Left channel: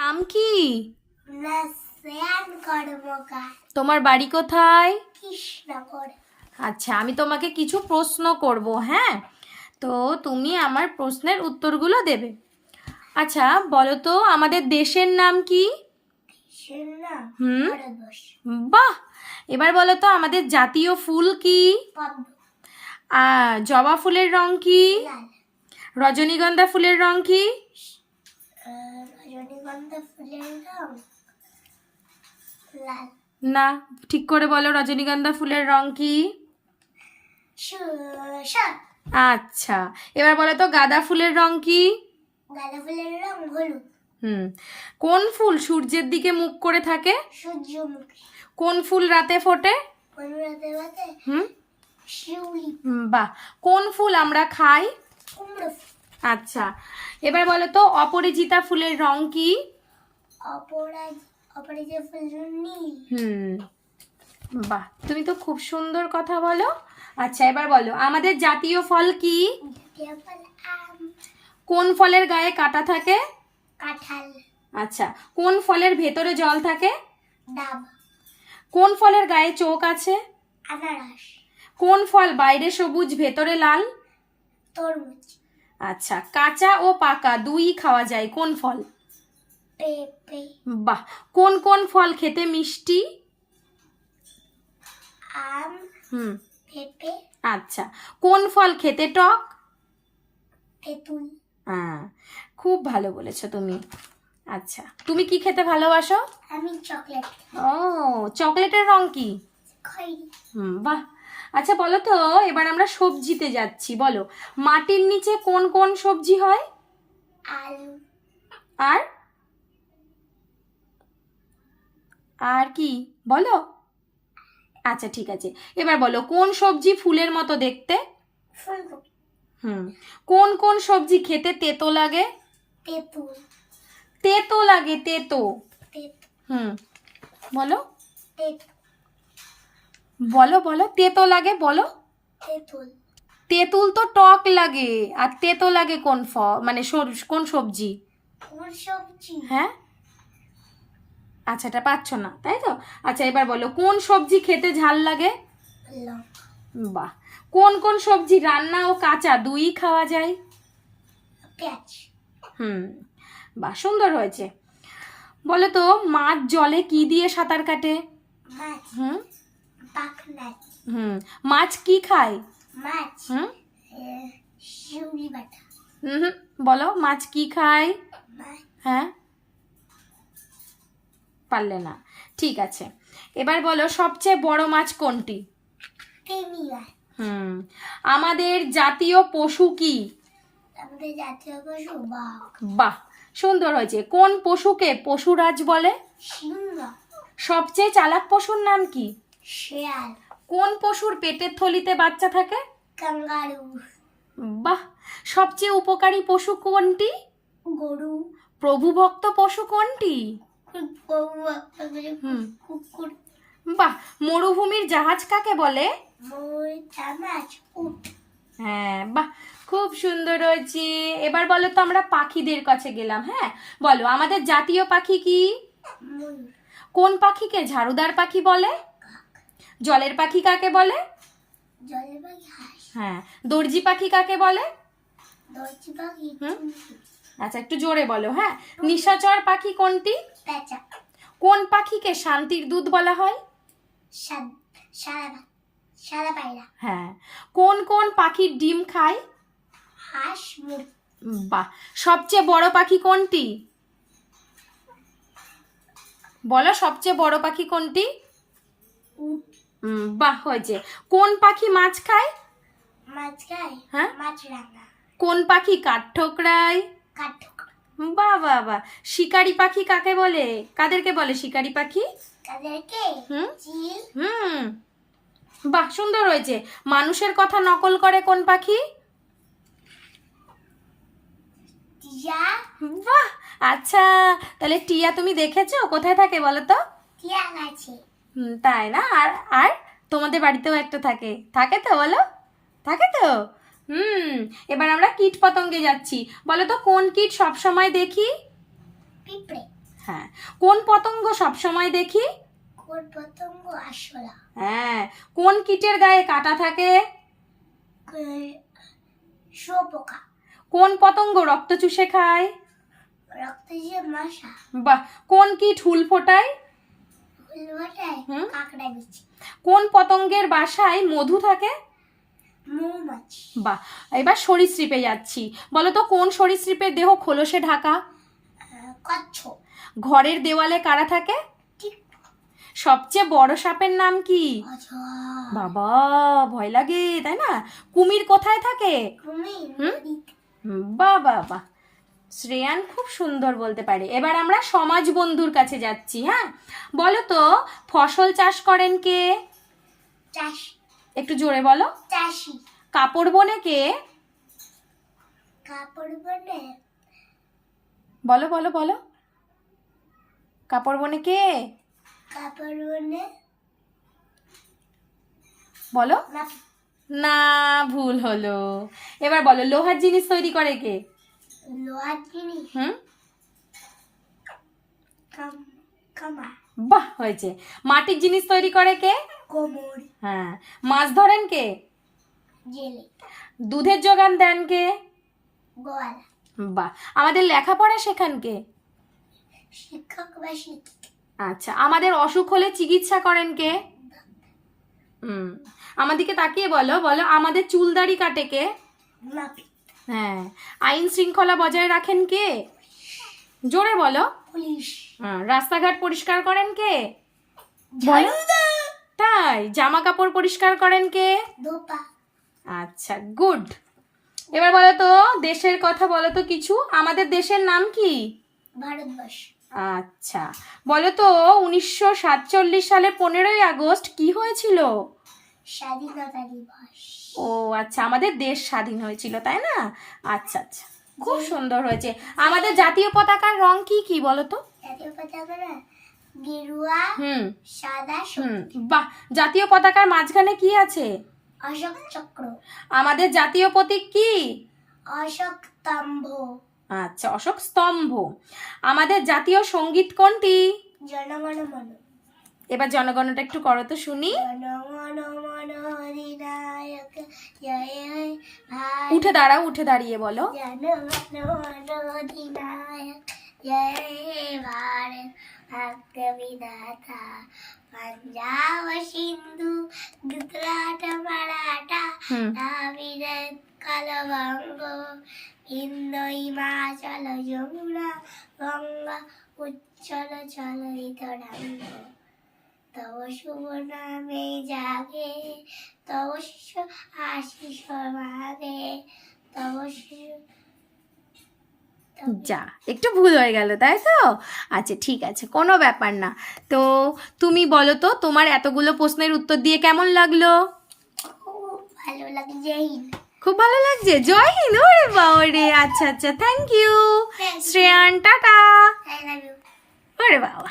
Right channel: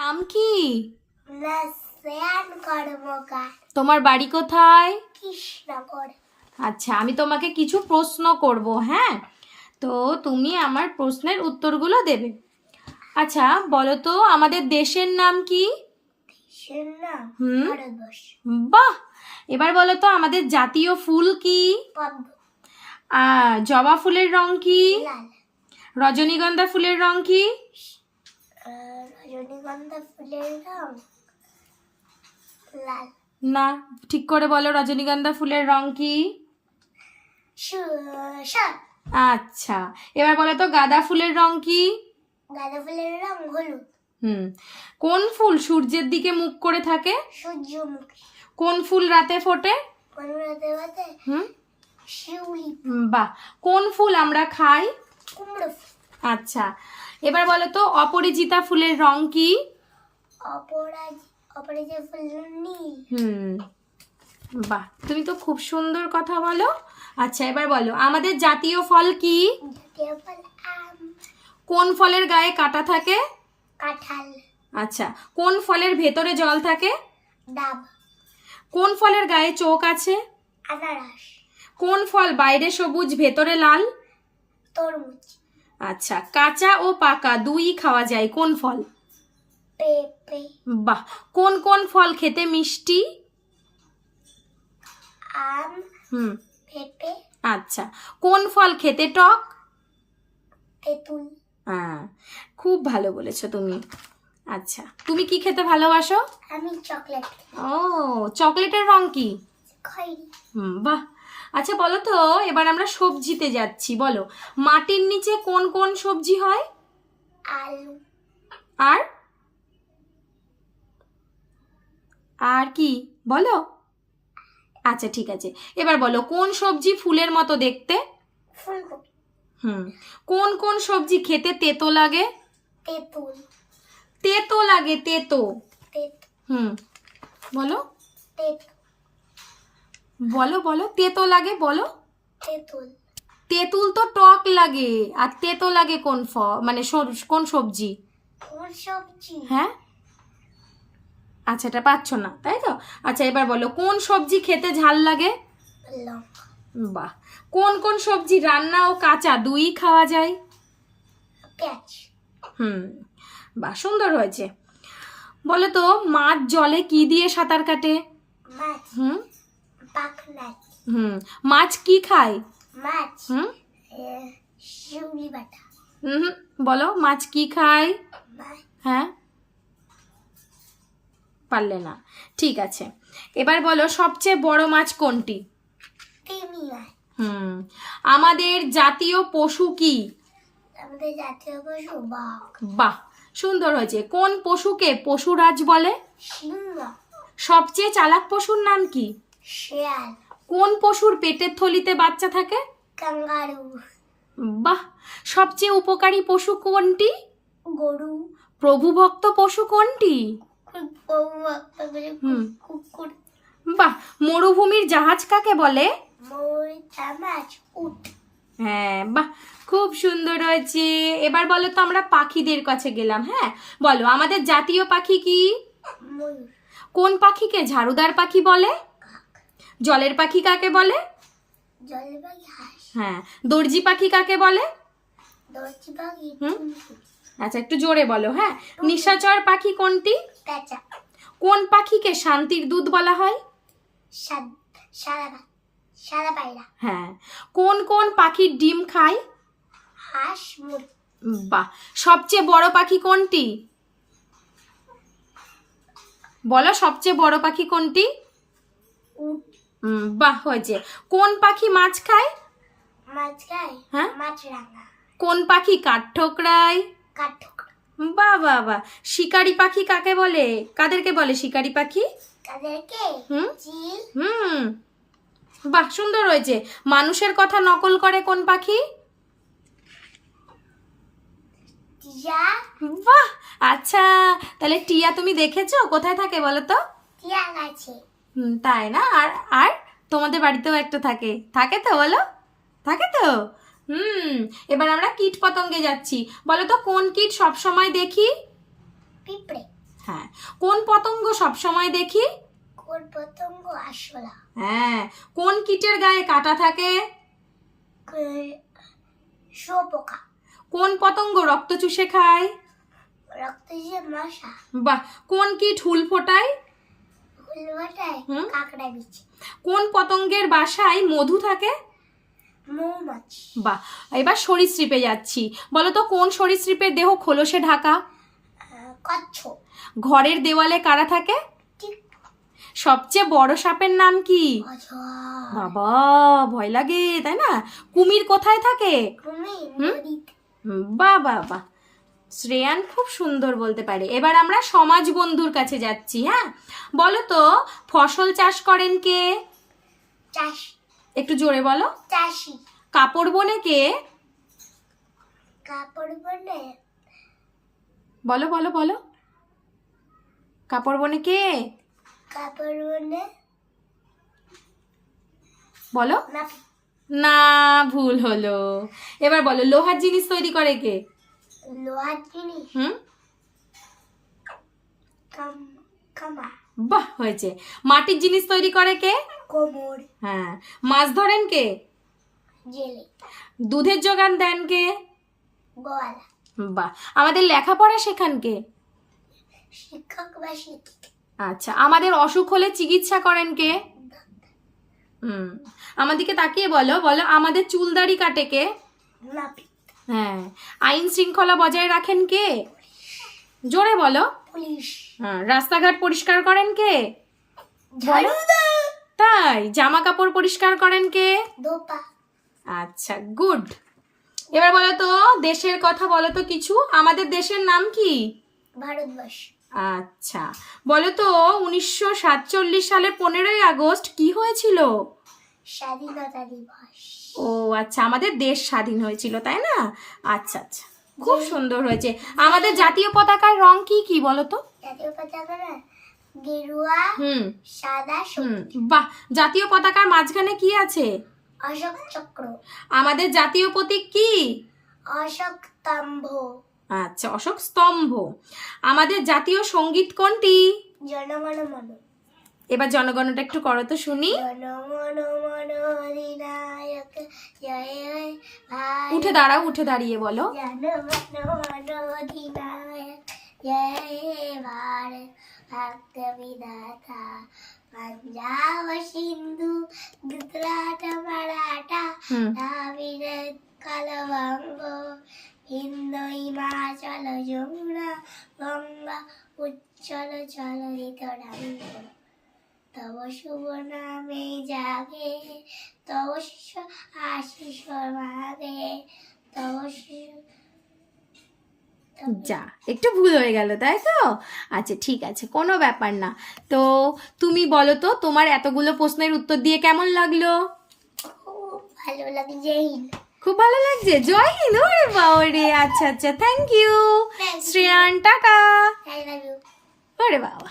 নাম কি? তোমার বাড়ি কোথায়? আচ্ছা আমি তোমাকে কিছু প্রশ্ন করব হ্যাঁ? তো তুমি আমার প্রশ্নের উত্তরগুলো দেবে। আচ্ছা বলো তো আমাদের দেশের নাম কি? বাহ! এবার বলো তো আমাদের জাতীয় ফুল কি? জবা ফুলের রং কি? রজনীগন্ধা ফুলের রং কি? রজনীগন্ধা ফুলের রং লাল। না ঠিক করে বলো রজনীগন্ধা ফুলের রং কি? আচ্ছা এবার বলো তো গাঁদা ফুলের রং কি? গাঁদা ফুলের রং হলুদ। হুম কোন ফুল সূর্যের দিকে মুখ করে থাকে? সূর্যমুখী। কোন ফুল রাতে ফোটে? কোন রাতে বাতে হুম। শিউলি। হুম, বাহ কোন ফুল আমরা খাই? কুমড়ো ফুল। আচ্ছা। এবার বলো তো অপরিচিতা ফুলের রং কি? অপরাজিত নীল। হুম। বাহ তুমি তো খুব সুন্দর কথা বলো। আচ্ছা এবার বলো আমাদের জাতীয় ফল কি? কোন ফলের গায়ে কাটা থাকে? কাঁঠাল। আচ্ছা কোন ফলের ভেতরে জল থাকে? ডাব। কোন ফলের গায়ে চোখ আছে? আনারস। কোন ফল বাইরে সবুজ ভেতরে লাল? তরমুজ। আচ্ছা কাঁচা ও পাকা দুই খাওয়া যায় কোন ফল? বাহ কোন কোন ফল খেতে মিষ্টি? আম। হুম। পেঁপে। আচ্ছা কোন ফল খেতে টক? তেঁতুল। হ্যাঁ খুব ভালো বলেছ তুমি। আচ্ছা তুমি কি খেতে ভালোবাসো? আমি চকলেট। ও চকলেটের রং কি? বাহ আচ্ছা বলো তো এবার আমরা সবজিতে যাচ্ছি বলো। মাটির নিচে কোন কোন সবজি হয়? আলু। আর? আর কি? বলো। আচ্ছা ঠিক আছে। এবার বলো কোন সবজি ফুলের মতো দেখতে? হুম। কোন কোন সবজি খেতে তেতো লাগে? তেঁতুল। তেতো লাগে তেতো। হুম। বলো। তেঁতু। বলো বলো তেতো লাগে বলো। তেঁতুল। তেঁতুল তো টক লাগে। আর তেতো লাগে কোন ফ মানে সর- কোন সবজি? কোন সবজি হ্যাঁ? আচ্ছা এটা পাচ্ছ না তাই তো? আচ্ছা এবার বলো কোন সবজি খেতে ঝাল লাগে? লঙ্কা বাহ। কোন কোন সবজি রান্না ও কাঁচা দুই খাওয়া যায়? পেঁয়াজ। হুম বাহ সুন্দর হয়েছে। বলো তো মাছ জলে কি দিয়ে সাঁতার কাটে? মাছ। হুম? হুম মাছ কি খায়? মাছ হুম? শিউলি বাটা। হুম বলো মাছ কি খায়? হ্যাঁ? পারলে না। ঠিক আছে। এবার বলো সবচেয়ে বড় মাছ কোনটি? হুম আমাদের জাতীয় পশু কি? আমাদের জাতীয় পশু বাঘ। বাহ সুন্দর হয়েছে। কোন পশুকে পশুরাজ বলে? সিংহ। সবচেয়ে চালাক পশুর নাম কি? শেয়াল। কোন পশুর পেটের থলিতে বাচ্চা থাকে? কাঙ্গারু। বাহ! সবচেয়ে উপকারী পশু কোনটি? গরু। প্রভুভক্ত পশু কোনটি? কুকুর। বাহ! মরুভূমির জাহাজ কাকে বলে? হ্যাঁ বাহ! খুব সুন্দর হয়েছে। এবার বলো তো আমরা পাখিদের কাছে গেলাম হ্যাঁ? বলো আমাদের জাতীয় পাখি কি? কোন পাখিকে ঝাড়ুদার পাখি বলে? জলের পাখি কাকে বলে? জলের পাখি হাঁস। হ্যাঁ দর্জি পাখি কাকে বলে? দর্জি পাখি আচ্ছা একটু জোরে বলো হ্যাঁ। নিশাচর পাখি কোনটি? কোন পাখিকে শান্তির দূত বলা হয়? সাদা পায়রা। হ্যাঁ। কোন কোন পাখির ডিম খায়? হাঁস বাহ! সবচেয়ে বড় পাখি কোনটি? বলো সবচেয়ে বড় পাখি কোনটি? উট। বাহ হয়েছে। কোন পাখি মাছ খায়? মাছ খায়? হ্যাঁ? মাছ কোন পাখি কাঠ ঠোকরায় কাঠ বাহ বাহ বাহ। শিকারি পাখি কাকে বলে? কাদেরকে বলে শিকারি পাখি? হুম? হুম। বাহ সুন্দর হয়েছে। মানুষের কথা নকল করে কোন পাখি? টিয়া। বাহ আচ্ছা। তাহলে টিয়া তুমি দেখেছ? কোথায় থাকে বলো তো? টিয়া গাছে। তাই না? আর আর তোমাদের বাড়িতেও একটা থাকে। থাকে তো বলো? থাকে তো? হুম এবার আমরা কীট পতঙ্গে যাচ্ছি। বলো তো কোন কীট সব সময় দেখি? পিঁপড়ে। হ্যাঁ কোন পতঙ্গ সব সময় দেখি? কোন পতঙ্গ আসলা হ্যাঁ কোন কীটের গায়ে কাটা থাকে? শুয়োপোকা। কোন পতঙ্গ রক্ত চুষে খায়? রক্ত যে মশা। বাহ কোন কীট হুল ফোটায়? কোন পতঙ্গের বাসায় মধু থাকে? মৌমাছি। বাহ এবার সরীসৃপে যাচ্ছি। বলো তো কোন সরীসৃপের দেহ খোলসে ঢাকা? কচ্ছপ। ঘরের দেওয়ালে কারা থাকে? সবচেয়ে বড় সাপের নাম কি? বাবা ভয় লাগে তাই না? কুমির কোথায় থাকে? হুম? বাহ বাহ। শ্রেয়ান খুব সুন্দর বলতে পারে। এবার আমরা সমাজ বন্ধুর কাছে যাচ্ছি হ্যাঁ? বলো তো ফসল চাষ করেন কে? চাষ। একটু জোরে বলো। চাষি। কাপড় বনে কে? কাপড় বনে। বলো বলো বলো। কাপড় বনে কে? কাপড় বনে। বলো। না। ভুল হলো। এবার বলো লোহার জিনিস তৈরি করে কে? লোহার জিনিস? হুম? বাহ হয়েছে। মাটির জিনিস তৈরি করে কে? কোমর হ্যাঁ। মাছ ধরেন কে? জেলে। দুধের যোগান দেন কে? গোয়ালা। বাহ। আমাদের লেখাপড়া শেখান কে? শিক্ষক বা আচ্ছা আমাদের অসুখ হলে চিকিৎসা করেন কে? হুম। আমাদেরকে তাকিয়ে বলো বলো আমাদের চুলদাড়ি কাটে কে? নাপি হ্যাঁ। আইন শৃঙ্খলা বজায় রাখেন কে? জোরে বলো। পুলিশ। হ্যাঁ, রাস্তাঘাট পরিষ্কার করেন কে? তাই জামা কাপড় পরিষ্কার করেন কে? আচ্ছা গুড। এবার বলো তো দেশের কথা বলো তো কিছু। আমাদের দেশের নাম কি? ভারতবর্ষ। আচ্ছা বলো তো উনিশশো সাতচল্লিশ সালে পনেরোই আগস্ট কি হয়েছিল? স্বাধীনতা দিবস। ও আচ্ছা আমাদের দেশ স্বাধীন হয়েছিল তাই না? আচ্ছা আচ্ছা। খুব সুন্দর হয়েছে। আমাদের জাতীয় পতাকার রং কি কি বলো তো? জাতীয় পতাকা গেরুয়া হুম। সাদা হুম। বাহ! জাতীয় পতাকার মাঝখানে কি আছে? অশোক চক্র। আমাদের জাতীয় প্রতীক কি? অশোক স্তম্ভ। আচ্ছা অশোক স্তম্ভ। আমাদের জাতীয় সংগীত কোনটি? জনগণ মন এবার জনগণটা একটু করো তো শুনি। উঠে দাঁড়াও উঠে দাঁড়িয়ে বলো। সিন্ধু মারাঠা কালবঙ্গ গঙ্গা উচ্ছল চল তব শুভ নামে জাগে তব শিষ্য আশিস মাগে তব শিশু যা একটু ভুল হয়ে গেল তাই তো? আচ্ছা ঠিক আছে কোনো ব্যাপার না। তো তুমি বলো তো তোমার এতগুলো প্রশ্নের উত্তর দিয়ে কেমন লাগল? ভালো লাগে জয় হিন্দ খুব ভালো লাগছে? জয় হিন্দ ওরে বাবা আচ্ছা আচ্ছা থ্যাংক ইউ শ্রেয়ান টাটা। ওরে বাবা।